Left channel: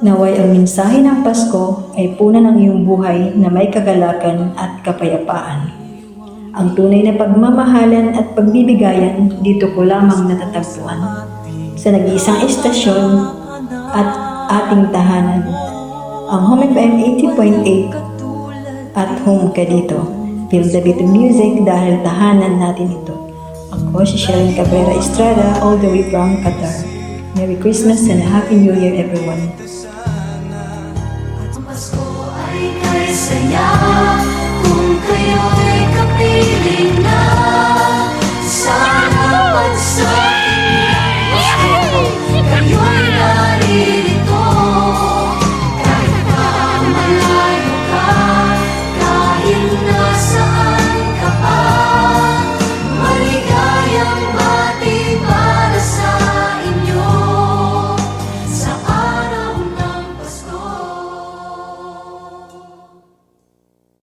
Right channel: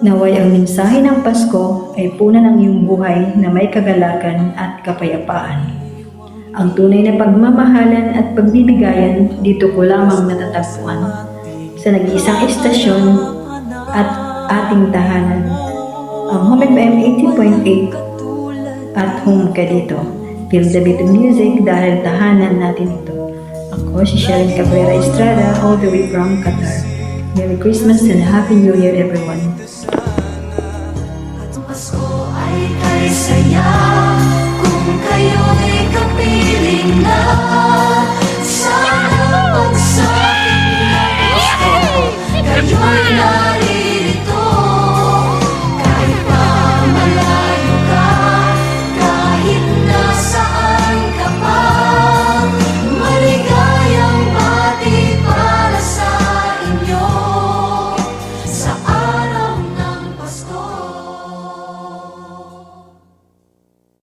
Naway ang mensahe ng Pasko ay punan ng iyong buhay na may kagalakan at kapayapaan. Ang tunay na pagmamahalan at pagbibigayan dito ko lamang natatagpuan sa nag-iisang estasyon at ating tahanan. Ang Home FM 80.8 at home ka dito. Feel the beat of music dahil tahanan natin ito. Ako si Sherilyn Cabrera Estrada all the way from Qatar. Merry Christmas and a Happy New Year everyone.